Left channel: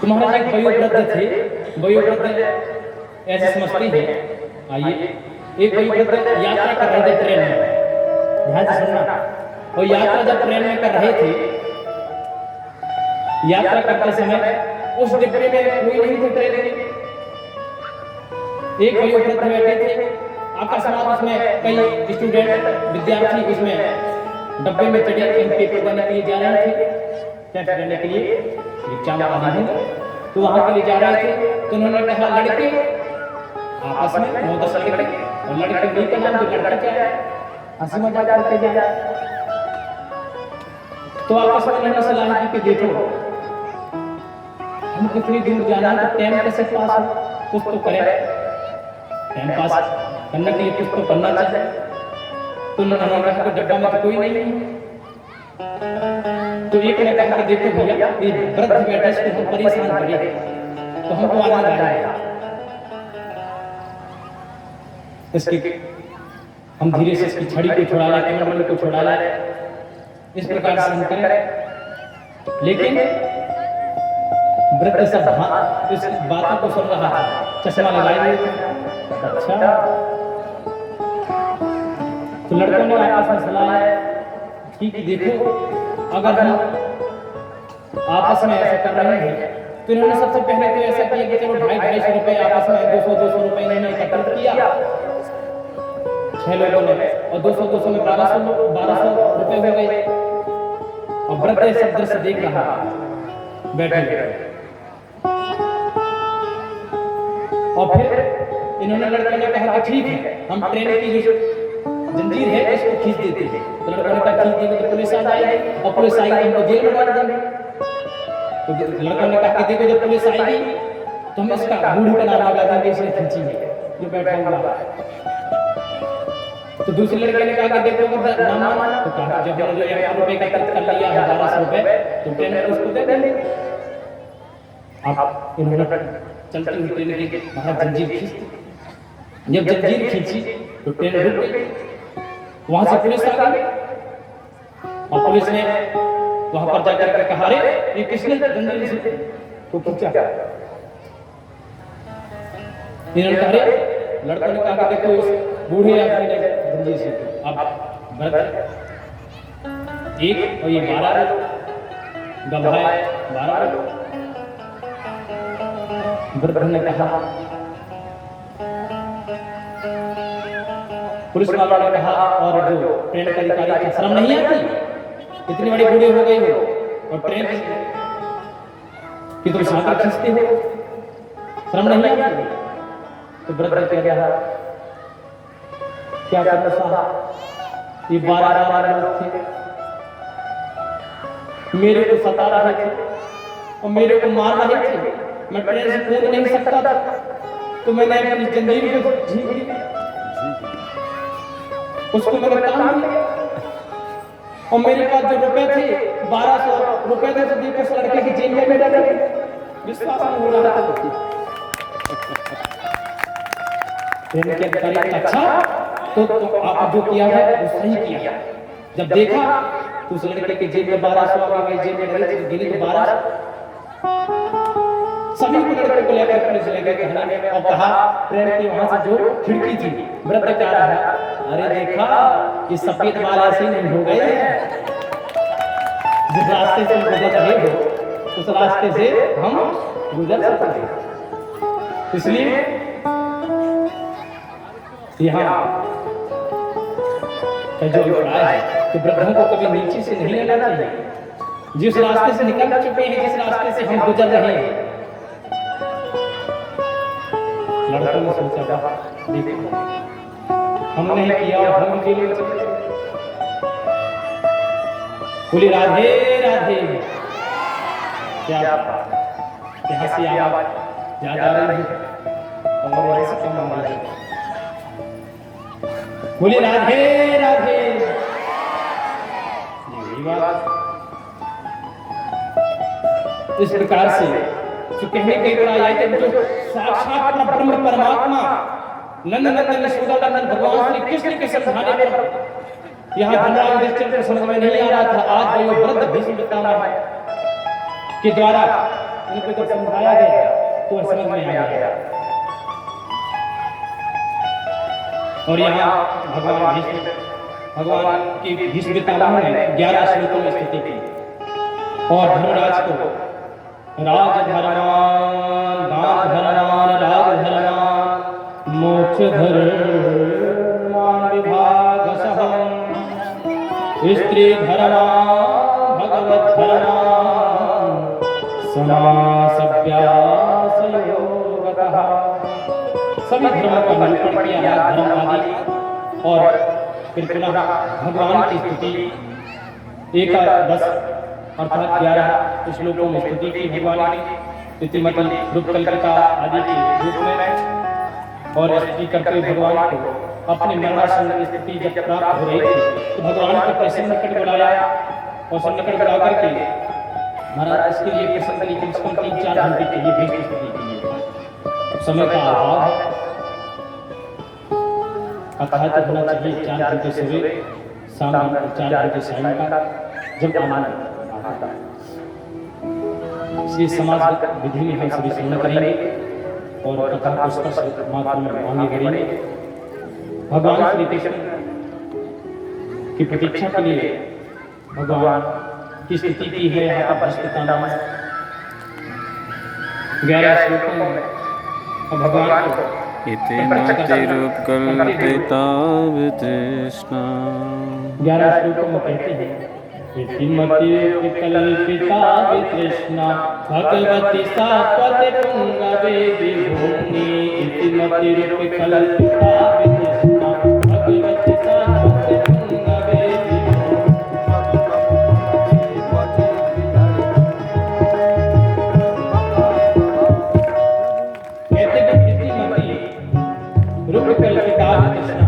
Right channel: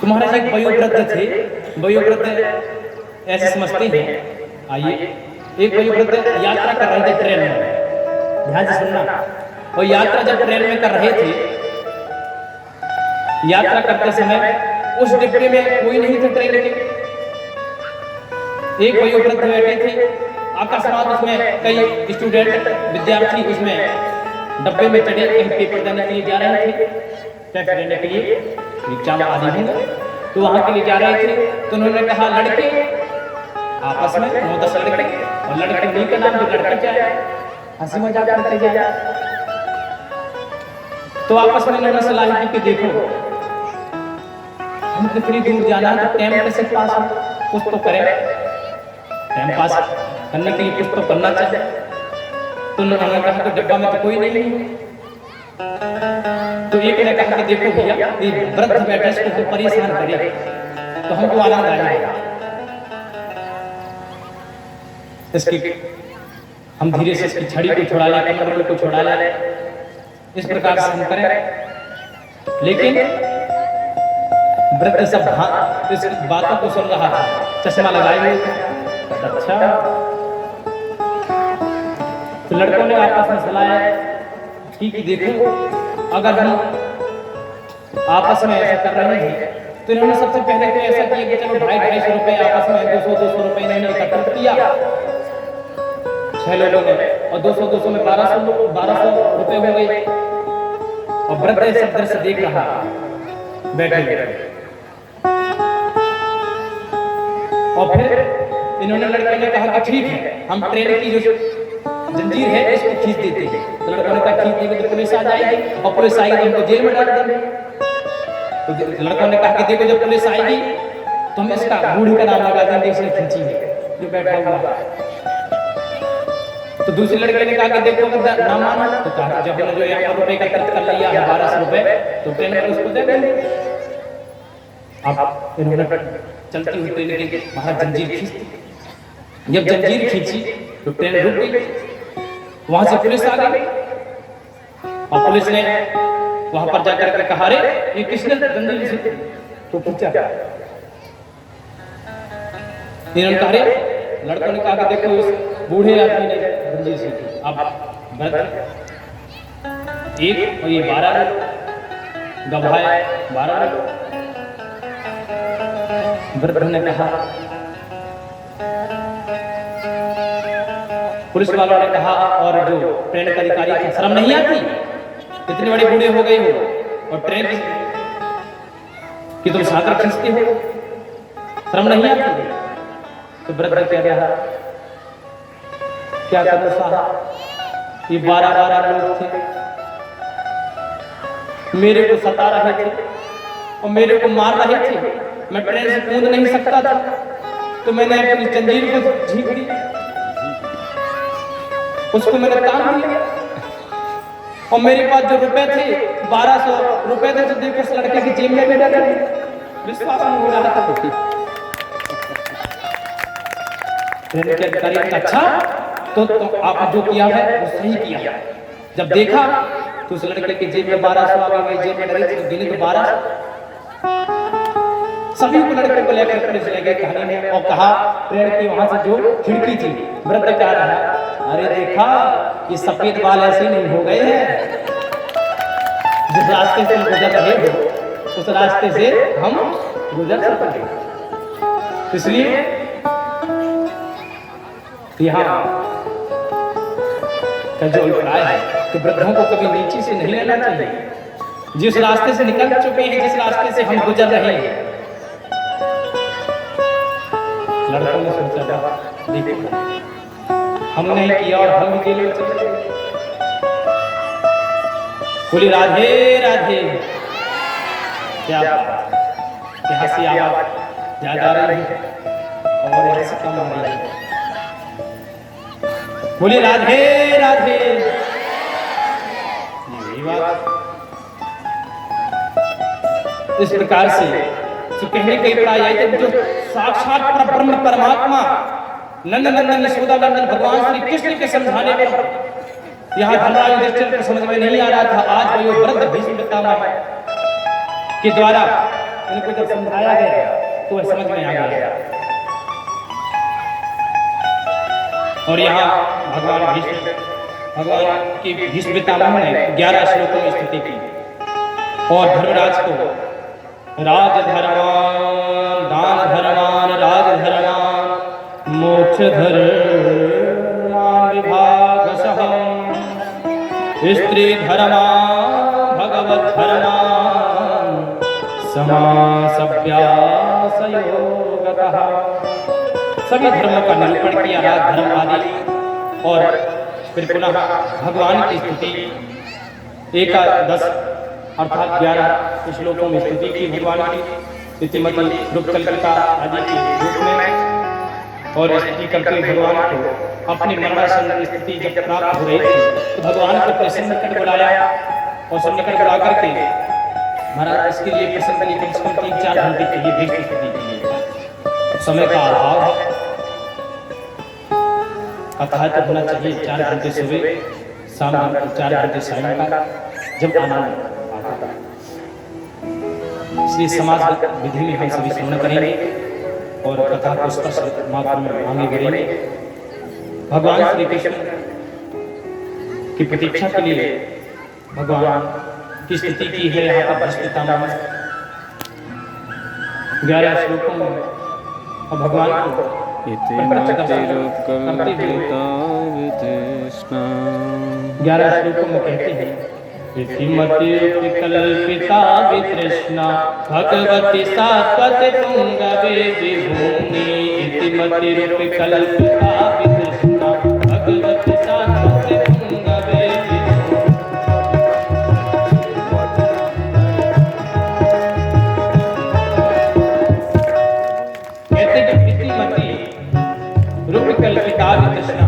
तुम्हारे एक वयोवृद्ध थे, वयोवृद्ध ऐसे समझते हैं। आइए, एक वयोवृद्ध यात्रा कर रहे थे ट्रेन में, ध्यान से सुनना। और यात्रा जब ट्रेन में कर रहे थे, यात्रा करते समय उस डिब्बे में कोई नहीं था ट्रेन के। एक वयोवृद्ध बैठे थे, अकस्मात उसमें कई स्टूडेंट विद्यार्थी उसमें डब्बे में चढ़े, कहीं पेपर देने के लिए जा रहे थे, टेस्ट देने के लिए, एग्जाम आदि हैं, तो वहां के लिए जा रहे थे। तो उन्होंने कहा लड़के आपस में 9-10 लड़के, और लड़के नहीं का नाम जो लड़के क्या है, हंसी मजाक करते जाए। तो आपस में उन्होंने सलाह की कि देखो हम कितनी दूर जाना है, तो टाइम कैसे पास हो, कुछ तो करें, टाइम पास करने के लिए कुछ तो करना चाहिए। तो उन्होंने कहा कि डब्बा में तो कोई नहीं है। तो एक ने कहा कि देखो भैया, ये वृद्ध बैठे, इसको हम परेशान करें तो हमको आनंद आएगा, इसकी हम धीरे से इसकी छड़ी को छुड़ा लें, कमंडल को छुड़ा लें, इस प्रकार से हम करें। लेकिन वृद्ध सब इस बातों को सुन रहा था, चश्मा लगाए हुए था। अच्छा, तो लड़कों ने आपस में सलाह की कि देखो अगर हम आपस में ऐसा कर रहे हैं, तो इन्होंने सबसे पहले तो ऐसा किया कि चलो 250 रुपए आपस में 200 रुपए इन्होंने एकत्रित किया 6 लोगों ने, और 200 में 1200 रुपए हो गए। और वृद्ध सब दृश्य देख रहा बैठे, और फिर इन्होंने लड़के ने कहा कि ठीक है, हम ट्रेन की जो जंजीर है इसको खींच देते हैं। तो लड़कों ने कहा खींच देंगे तो पुलिस आ जाएगी, और पुलिस आएगी तो हमको जेल में डाल देंगे। तो लड़कों ने कहा कि देखो जब पुलिस आएगी तो हम इसका बूढ़ी का नाम लगा देंगे, इसे खींचेंगे जो बैठा हुआ। तो दूसरे लड़के ने कहा कि देखो अगर ना माना तो कहा जब हमने जो यहाँ रुपए का खर्च कर लिया है 1200 रुपए, तो ट्रेन में उसको दे देंगे। अब इन्होंने चलती हुई ट्रेन की बाहर जंजीर खींची। जब जंजीर खींची तो ट्रेन रुक गई, वहां से पुलिस आ गई, और पुलिस ने वहां पर जाकर के कहा रे ये किसने जंजीर से तो खींचा। इन्होंने कहा रे, लड़कों ने कहा कि देखो इस बूढ़े आदमी ने जंजीर से की। अब एक और ये 12 गवाह 12 वृद्ध ने कहा, पुलिस वालों ने कहा, और जो ट्रेन का अधिकारी था, शर्म नहीं आती, इतने बड़े बूढ़े हो गए हो और ट्रेन की तुम सागर खींचते हो, शर्म नहीं आती। तो वृद्ध क्या कहा, क्या करूं साहब, ये 12 लोग थे, मेरे को सता रहे थे और मेरे को मार रहे थे, मैं ट्रेन से कूद नहीं सकता था, तो मैंने अपनी जंजीर को झीक दी, उसको मैंने तान दिया, और मेरे पास जो रुपए थे 1200 रुपए थे, तो देखो उस लड़के की जेब में डाल दिए। विश्वास नहीं हो रहा था। ट्रेन के अधिकारी ने अच्छा तो आप जो किया है वो सही किया है। जब देखा तो उस लड़के की जेब में 1200 आ गए, जेब में लगे थे तो दिल्ली 1200। सभी को लड़के को लेकर पुलिस ले गए कहानी में, और कहा ट्रेन की वहां से जो खिड़की थी, वृद्ध क्या रहा, अरे देखा ये सफेद बाल ऐसे नहीं हो गए हैं, जिस रास्ते से गुजर रहे हो उस रास्ते से हम गुजर सकते। इसलिए यहाँ का जो अभिप्राय है कि वृद्धों को कभी नीचे से नहीं लेना चाहिए। जिस रास्ते से निकल चुके हैं, जिस रास्ते से हम गुजर रहे हैं, लड़कों ने सोचा देखो हमने नहीं किया और हम भी जेल चले गए। बोली राधे राधे, क्या हंसी आवाज याद आ रही है और यहाँ से कम आ रही है। बोली राधे राधे, यही बात। इस प्रकार से जो कहने के लिए जो साक्षात परब्रह्म परमात्मा नंदनंदन यशोदा नंदन भगवान श्री कृष्ण के समझाने पर यहाँ धर्मराज युधिष्ठिर को समझ में नहीं आ रहा था। आज वही वृद्ध भीष्म पितामह के द्वारा उनको जब समझाया गया तो वह समझ में आ गया। और यहाँ भगवान की भीष्म पितामह ने 11 श्लोकों में स्तुति की और धर्मराज को राजधर्मान दान धर्मान राजधर्मान मोक्ष धर्मान विभागशः स्त्री धर्मान भगवत धर्मान समासभ्यासयोगतः सभी धर्मों का निरूपण किया, राज धर्म आदि। और फिर पुनः भगवान की स्तुति 11 अर्थात 11 श्लोकों में स्तुति की भगवान की इतिमति रूपकल्पिता आदि के रूप में। और स्तुति करते हुए भगवान को अपने मनमासन की स्थिति जब प्राप्त हो रही थी तो भगवान को अपने सन्निकट बुलाया और सन्निकट बुला करके महाराज इसके लिए प्रसन्न कम से कम 3-4 घंटे के लिए भीष्म स्तुति की। समय का अभाव है, अतः तो होना चाहिए 4 घंटे सुबह शाम 4 घंटे सायंकाल जब आनंद आता है। इसलिए समाज विधि में हम सभी श्रवण करेंगे और कथा को स्पष्ट मात्र में आगे बढ़ेंगे। भगवान श्री कृष्ण की प्रतीक्षा के लिए भगवान की स्तुति की है यहाँ पर भीष्म पितामह 11 श्लोकों में। और भगवान को इति मतिरूपकल्पिता वितृष्णा 11 श्लोकों में कहते हैं इति मतिरूपकल्पिता वितृष्णा भगवती सात्वत पुंगवे विभूमि इति मतिरूपकल्पिता वितृष्णा भगवती सात्वत पुंगवे रूपकल्पिता वितृष्णा।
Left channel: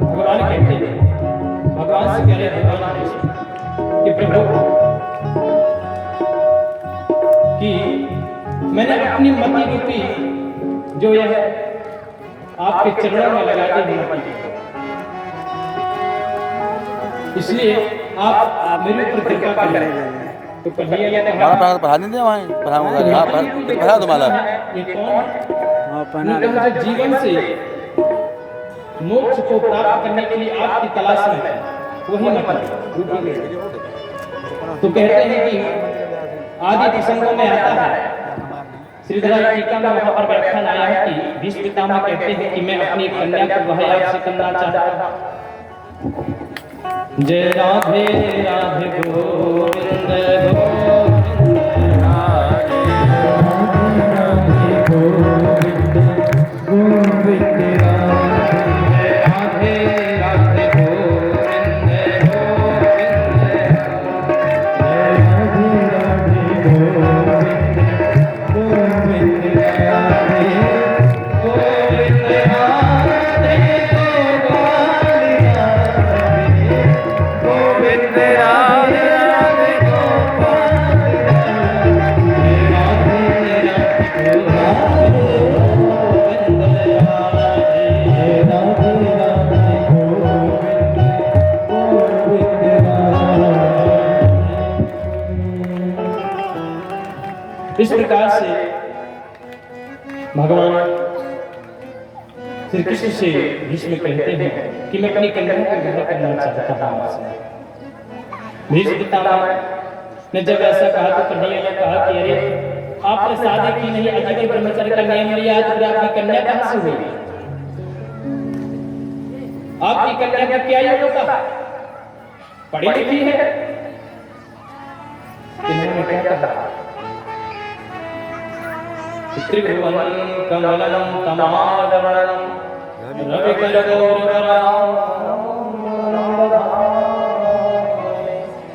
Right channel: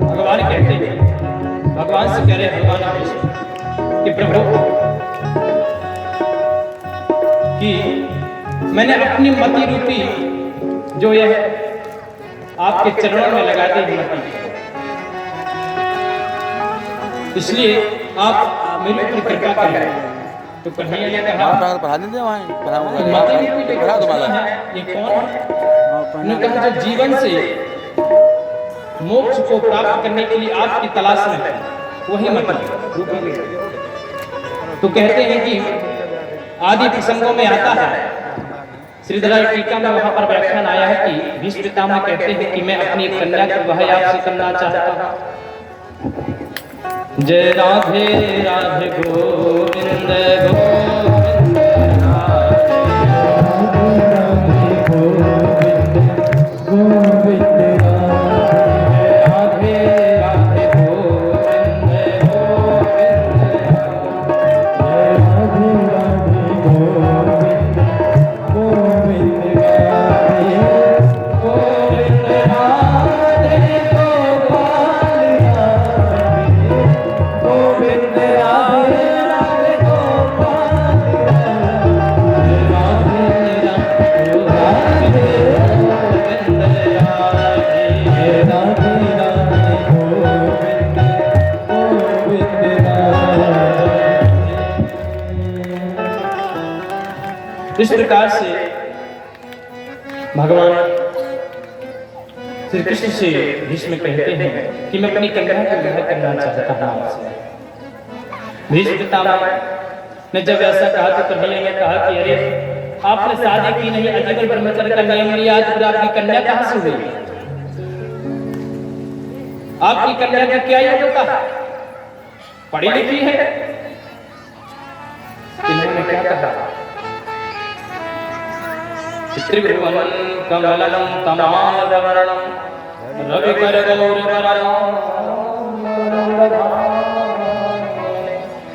भगवान कहते हैं, भगवान से कह रहे भगवान कृष्ण कि प्रभु कि मैंने अपनी मति रूपी जो यह आपके चरणों में लगा दी मति, इसलिए आप मेरे ऊपर कृपा करें। तो कन्हैया ने कहा ये कौन है? उन्होंने कहा जो जीवन से मोक्ष को प्राप्त करने के लिए आपकी तलाश में है वही मति रूपी। तो कहते हैं कि आदि प्रसंगों में आता है, श्रीधर टीका में वहां पर व्याख्यान आया है कि भीष्म पितामह कहते हैं कि मैं अपनी कन्या का विवाह आपसे करना चाहता हूं। जय राधे राधे गोविंद इस प्रकार से भगवान श्री कृष्ण से भीष्म कहते हैं कि मैं अपनी कन्या का विवाह करना चाहता हूं आपसे। भीष्म पितामह ने जब ऐसा कहा तो कन्हैया ने कहा कि अरे आपने शादी की नहीं, आजीवन ब्रह्मचर्य का नियम लिया, तो आपकी कन्या कहां से हुई? आपकी कन्या की क्या योग्यता है? पढ़ी लिखी है? इन्होंने क्या कहा? त्रिभुवन कमलम तमालवर्णम रविकरगौरवरम।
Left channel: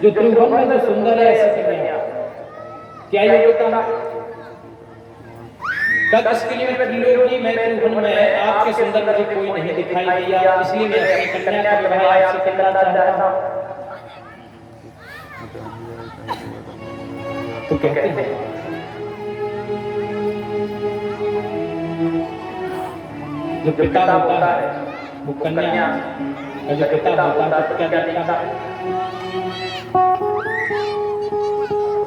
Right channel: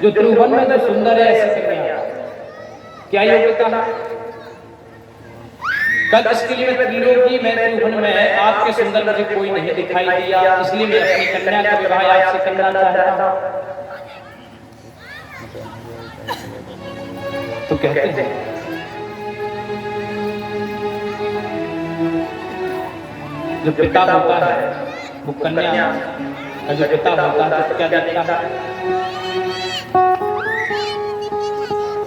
जो त्रिभुवन में जो सुंदर है ऐसी कन्या, क्या योग्यता है? कल इसके लिए त्रिलोकी में त्रिभुवन में आपके सुंदर मुझे कोई नहीं दिखाई दिया, इसलिए मैं अपनी कन्या का विवाह आपसे करना चाहता हूं। तो कहते हैं जो पिता होता है वो कन्या का जो पिता होता है तो क्या देखता है?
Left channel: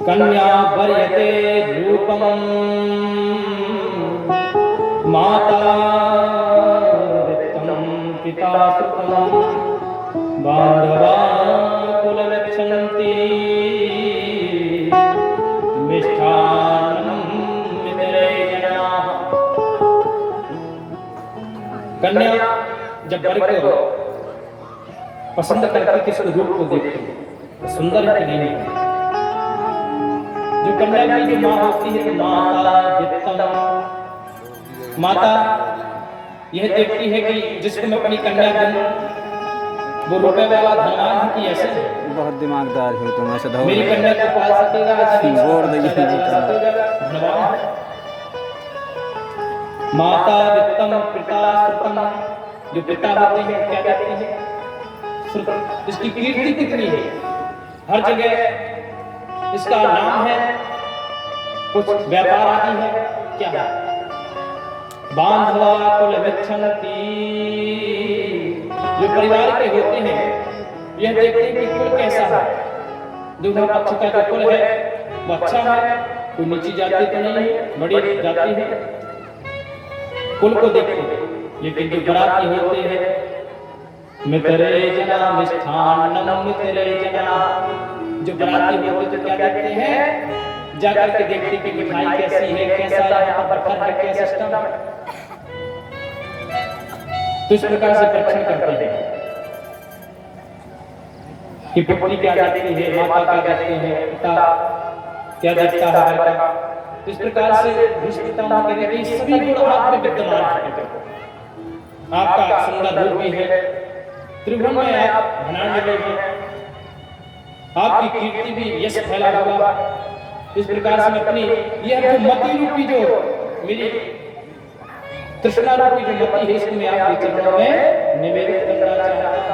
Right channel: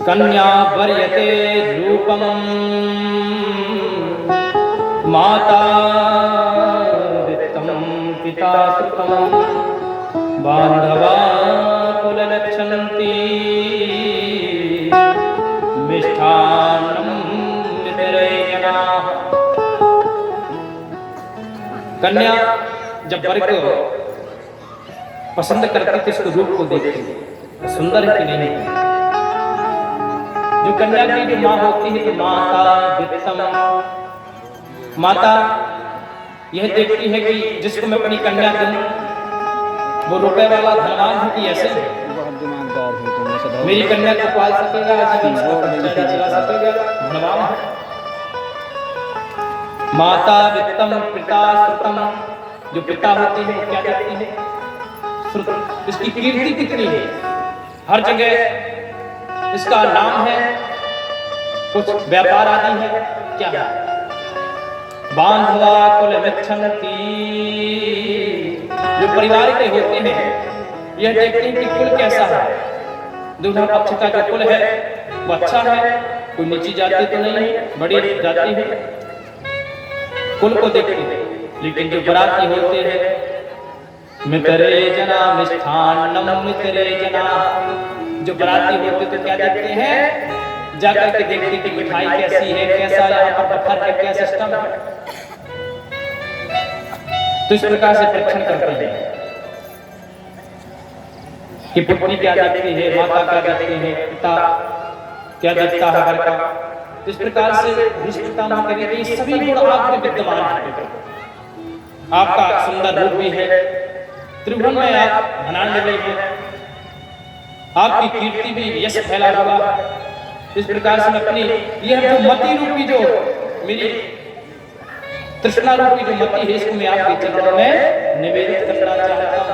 कन्या वर्यते रूपम माता वित्तम पिता सुखम बांधवा कुल रक्षन्ति मिष्ठान्नम मितरे जनाः। कन्या जब वर को पसंद करती थी उसके रूप को देखती सुंदर है कि नहीं है। जो कन्या की जो माँ होती है तो माता वित्तम, माता यह देखती है कि जिसको मैं अपनी कन्या दूं वो रुपए वाला धनवान है कि ऐसे बहुत दिमागदार हो तुम, ऐसे मेरी कन्या को पाल सकेगा, चला सकेगा, धनवान है। माता वित्तम पिता श्रुतम, जो पिता होते हैं वो क्या कहते हैं श्रुत, इसकी कीर्ति कितनी है, हर जगह इसका नाम है, कुछ व्यापार आदि है, क्या है। बांधवा कुल मिच्छन्ति, जो परिवार के होते हैं यह देखते हैं कि कुल कैसा है, दूल्हा पक्ष का जो कुल है वो अच्छा है, कोई नीची जाति तो नहीं है, बड़ी जाति है, कुल को देखते हैं। लेकिन जो बराती होते हैं मितरे जना मिष्ठान्नम मितरे जना, जो बराती होते तो क्या देखते हैं, जाकर के देखते कि मिठाई कैसी है, कैसा यहाँ पर पत्थर है, क्या सिस्टम है। तो इस प्रकार से परीक्षण करते हैं कि पुत्री क्या देखती है, माता क्या देखते हैं, पिता क्या देखता है घर का। इस प्रकार से रिश्ता माता के लिए सभी गुण आप में विद्यमान है। आपका सुंदर रूप भी है, त्रिभुवन में आप धनाढ्य हैं, आपकी कीर्ति भी यश फैला हुआ। इस प्रकार से मैं अपनी यह जो मति रूपी जो मेरी तृष्णा रूपी जो मति है इसको मैं आपके चरणों में निवेदित करना चाहता हूं।